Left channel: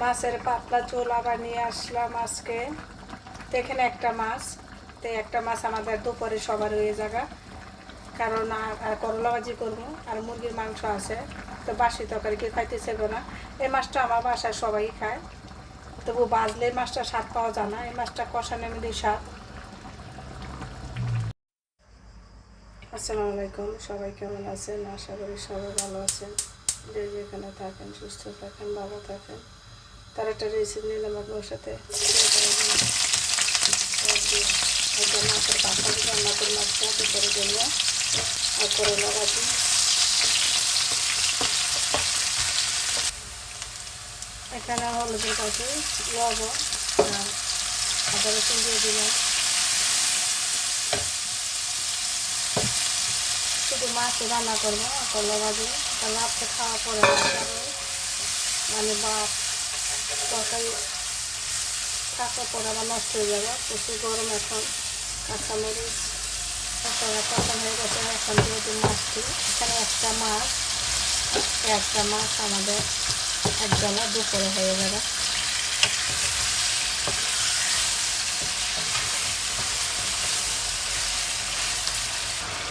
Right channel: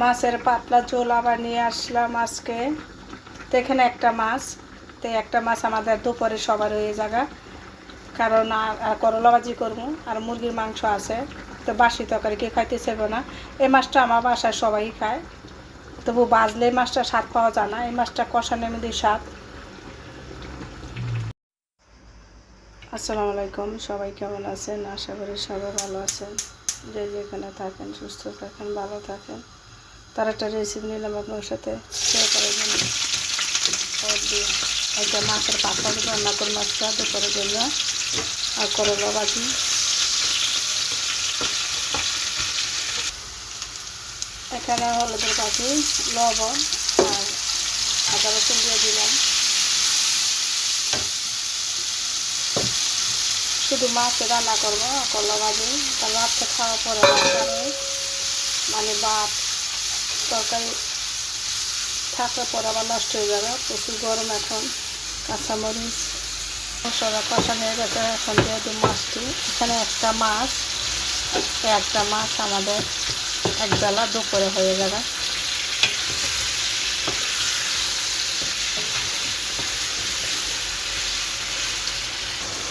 মাছের পাতলা ঝোল আবার নিয়ে আসলাম আজকে। তো এখানে একটা মাছ। তো একটা মাছ আমাদের দুপুরে সবার হয়ে জায়গা কারণ করলা ভাজি করব, আর মুরগির মাংস আছে। তো বাসি তরকারি কেউ খাইতে চাইবে না। এই মাছটা আমার বাসায় সবাই খায়। তবু বাজলে এই মাছটা স্বাদ পাওয়া যায় না। এই মাছটা কষানোর মধ্যে স্বাদ। আসসালামু আলাইকুম। সবাই কেমন আছেন? আশা করি সবাই ভালো আছেন। যে যেখানে থাকেন, সুস্থ থাকেন, ভালো থাকেন। তার একটা রেসিপি নিলাম আপনার সাথে। একটা মাছের পাতা রান্না করে মাছটা দুপুরের জন্য আর করলা ভাজি এখানে হলুদের পাখি লবণ আর আদা রসুন দিয়ে দিলাম। শুধু মাছ রান্না করব, করলা ভাজি কারণ রাত্রে খাওয়া পরে মানে ভাত তরকারি থাকার পর আবার নষ্ট হয়ে যাবে। প্রচুর গরম এখন, কাঁচামরিচ, মশলা কষা হয়ে গেছে, এখন যেহেতু মাছটি, এখানে একটা মাছ একটা মাছ আমাদের এক বেলা দুপুরে হয়ে যাবে।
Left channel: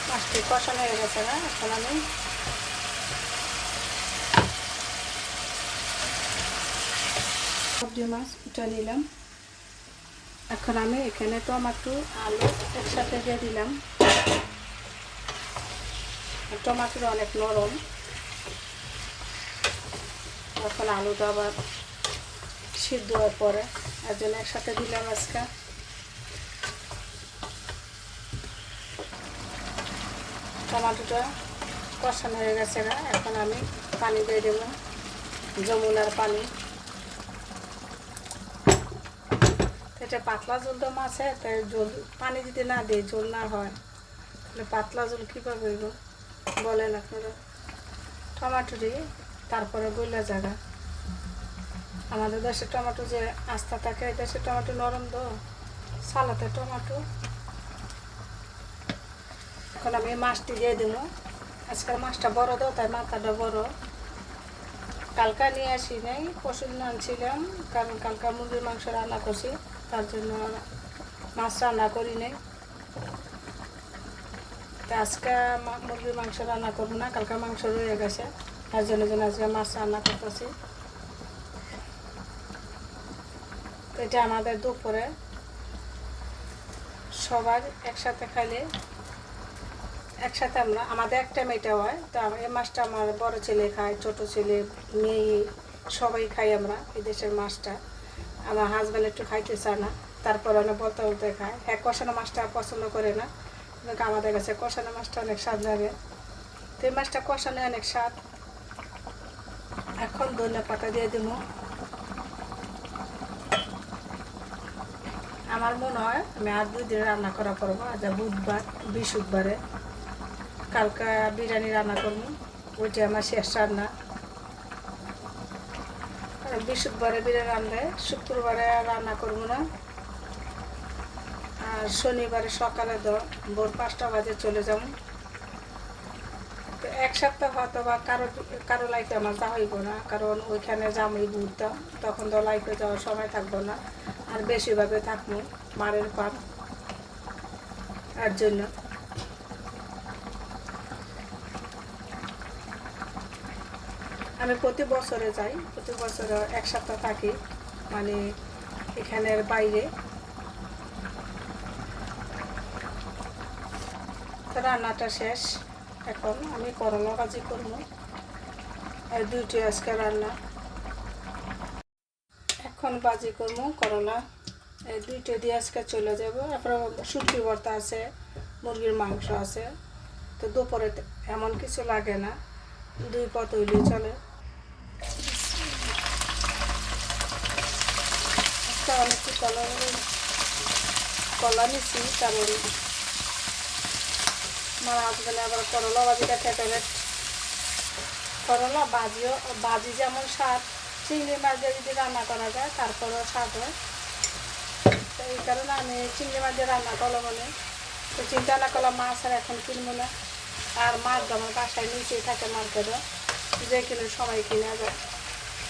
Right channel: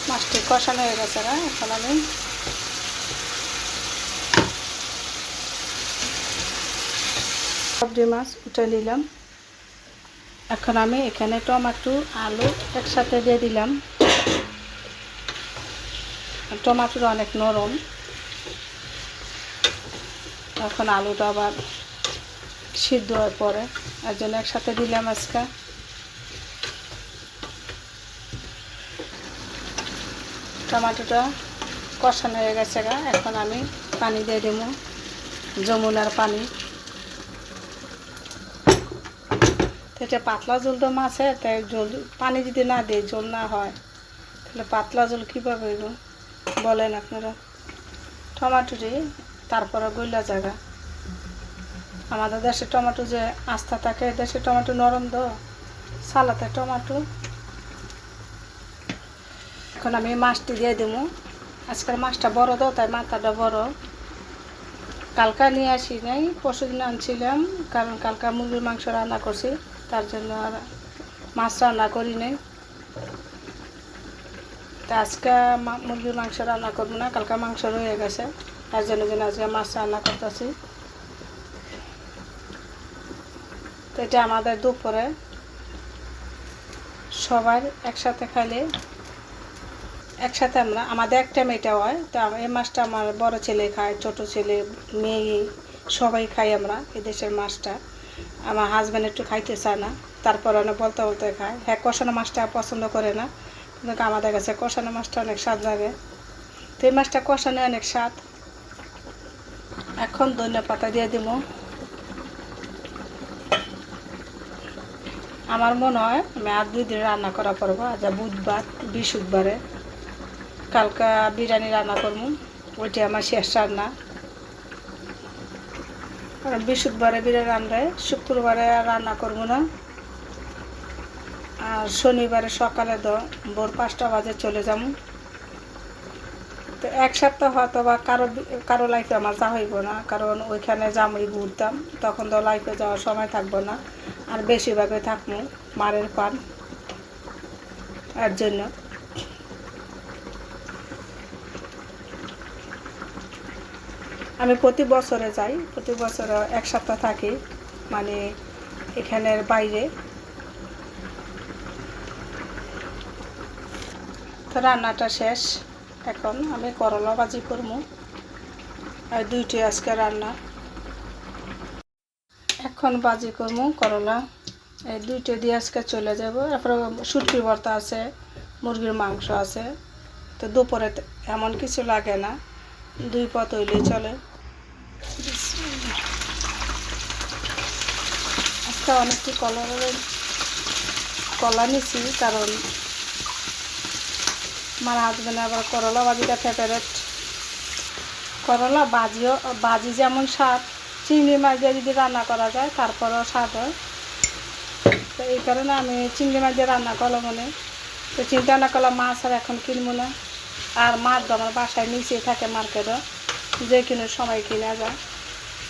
মাছটি কষানো হয়ে গেছে না? এখন আমি সবজি মাছ উঠে নিলাম। এখন আমি এখানে টমাটো, আলু একসাথে দিয়ে দিলাম। টমাটোর অনেক নরম। এখন আলুটা আবার সিদ্ধ হয়ে পড়ে। এর জন্য একসাথে দিলাম আজকে। টমাটোটা কষানো হয়ে গেছে গা। এখন আমি পানি দিয়ে দেবো, যমুনার পানি। তো এটা পাতলা ঝোল তো মাছে, তাই জল পানি যদি না দিই জল না হয়, তাহলে পাতলা জল কীভাবে হইব? বলেন আপনারা। টমাটো দিয়ে তারপরে গইলা জায়গা। আমাদের দেশে টমাটো যে আস্থা থাকে দেশে টমাটো নরম তো। সালাতে টমাটো। এখন আমি মাছটি দিয়ে দেবো। আজকাল মাছটা বড় তো, তাই মাথাটা বড়। কালকা নিয়ে আসি নাই পরশু দিন আনছিলাম, কারণ কালকা মুরগির মাংস রান্না করছি। তার জন্য আর মাছ রান্না করি নাই। তা আজকে মুরগির মাংস রান্না করব না, কালকা মাংস রয়ে গেছে। তার জন্য জন্য আজকে মাছ রান্না করতেছি। তো এটা আমাদের দুপুরে। সবার একসাথে খাইলে, একসাথে আমরা আমাদের একটা মেয়েটা হয়। তো এই মাছটা আমার বড় ছেলে খায়, ছোট ছেলে, মেয়ে, সবাই খাই আমরা, এই দেশের মাছটা। আমার হাজব্যান্ড একটু খাইতে চায় না। তারপরে অনেক বলতে বলতে খায় হ্যাঁ কষানো মাছটা পছন্দ করে না। কিন্তু আমাদের কাছে কষানো মাছটা অনেক স্বাদ লাগে। তো এই মাছটা কষানো অনেক স্বাদ। এখন ধনিয়া পাতা দিয়ে দেবো। আমার মনে হয় আমি আর দুই দিন রান্না করা করব। আজ বুধবার, বৃহস্পতিবারে। কালকা বিরিয়ানি রান্না করব। ওইটা আমার শেষ রান্না। বৃহস্পতিবারে বিরিয়ানি রান্নায় শুক্রবারে রান্না করব না। আর শনিবারে সকালে ভোর পাঁচটা বাজে চলে যাব। তো এক সপ্তাহ হয়তো বা কারও কারও লাইফে আমার যা হইব না, কারণ ওইখানে জামুই ঘুরতাম, তখন তো লাইফে যাওয়ার সময় থাকব না, আর বেশিরভাগই থাকব মারের পান আর জন্য আমি প্রতি বছরে যাই, প্রতি বছরে এক সপ্তাহ থাকি মানে এখানের বাইরে। তো রান্নাটা শেষ। এখন আমি করলা ভাজি করব। আর দুইটি আজকে রান্না। এখন বাজি করব করলা। এই দুইটা দিয়ে আজকে চলে যাব। তারপরে সুটকি ভর্তা আছে, মুরগির মাংস আছে। তো দুপুরে এমন কিছু লাগে না। দুই পথ হইলেই চলে। একটা অনেকটি কলা কলা নিছি, কারণ আমার হাজবেন্ড আবার করলা ভাজিটা ফেভারেট করলা ভাজিও ভাজি যেমন স্বাদ, চিংড়ি মাছ দিয়ে যদি রান্না করা যায়, তারপরেও স্বাদ হয়। তো এই কারণে আমি চিংড়ি মাছ দিয়ে রান্না করলাম মানে। তো চিন্তা না করলাম, মাছ আর এখন কিনবো না। আর মাছ আমার বাসায় নিচে থাকে মার্কেটে যে কিনে সময় কিনা যায়।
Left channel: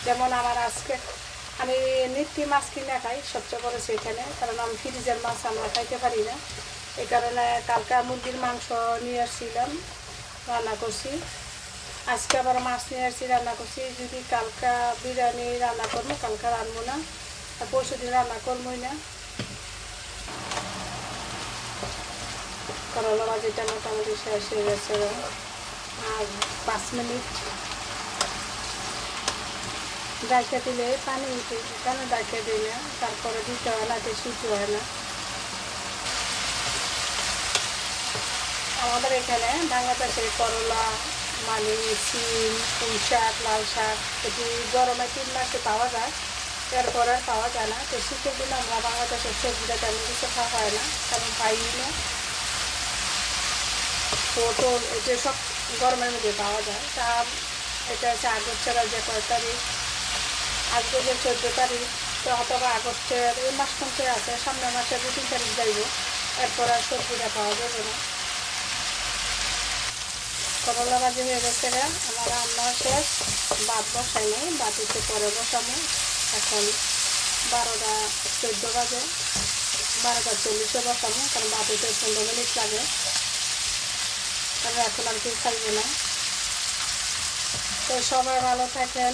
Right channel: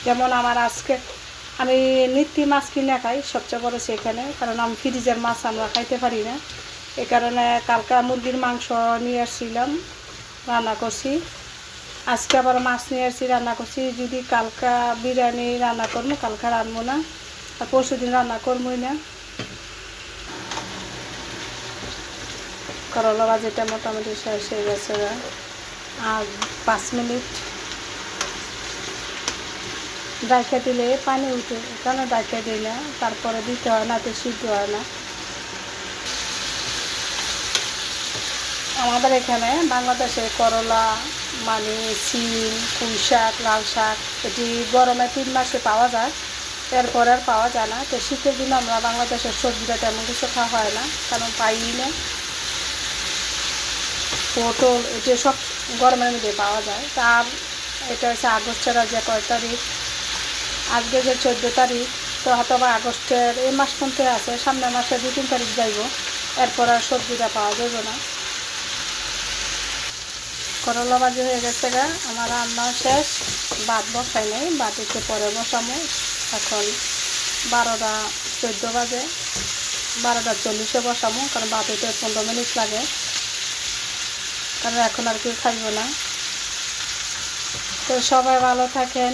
যেমন আমার আজকে আমি নিত্যি মাছ কিনে খাই, সবচেয়ে বড় সেখানে কারণ আমি ফ্রিজের মাছ আমরা খাইতে পারি না। এই কারণে কালকা মুরগির মাংস নিয়ে আসছিলাম, রান্না করছি। আজকে আবার মাছ নিয়ে আসছি, রান্না করছি। যদি কালকা বিরিয়ানি রান্না করব, কালকা রানবো না, আর পরশু দিন রান্না করবোই না। করলা ভাজিটা মোটামুটি শেষ হয়ে গেছে। আর পাঁচ মিনিট ডাইকা দিলে পানি উঠে, কেন ডাইকা দিলে তারপরে দিতে হয় না, তো সিদ্ধ হয় না। আমাদের এখানে বাংলাদেশে করলা মানে সিম পুঁই শাক লাল শাক এটি গরমে তিন মাসে পাওয়া যায়। এরপরে আর পাওয়া যায় না। তো শীতের দিন আমরা বাংলাদেশের সবজিটা তেমন কিছু খাওয়া হয় না, কারণ পাই না পটল, এটি সব গরমের মধ্যে পাওয়া যায়। তার এটা হচ্ছে আগস্ট ছাড়া যে কয় তারিখ। আজকে যে চোদ্দ তারিখ, তো হয়তো বা আগস্টের এই মাস পর্যন্ত আছে, সামনের মাসে দু তিন তারিখ যাইব। এরপর আর সবজিটা পাওয়া যাবে না। করলা ভাজি হয়ে গেছে গা, আমার রান্না শেষ। ভাত বসাই নাই, ভাত পরে বসামো। এখন বারোটা চোদ্দ বাজে। বারোটা চল্লিশে বসামো, কারণ ভাত পনেরো মিনিট লাগে। কারণ এখন আর কেউ খাইব না। তো সবাই ভালো থাকেন।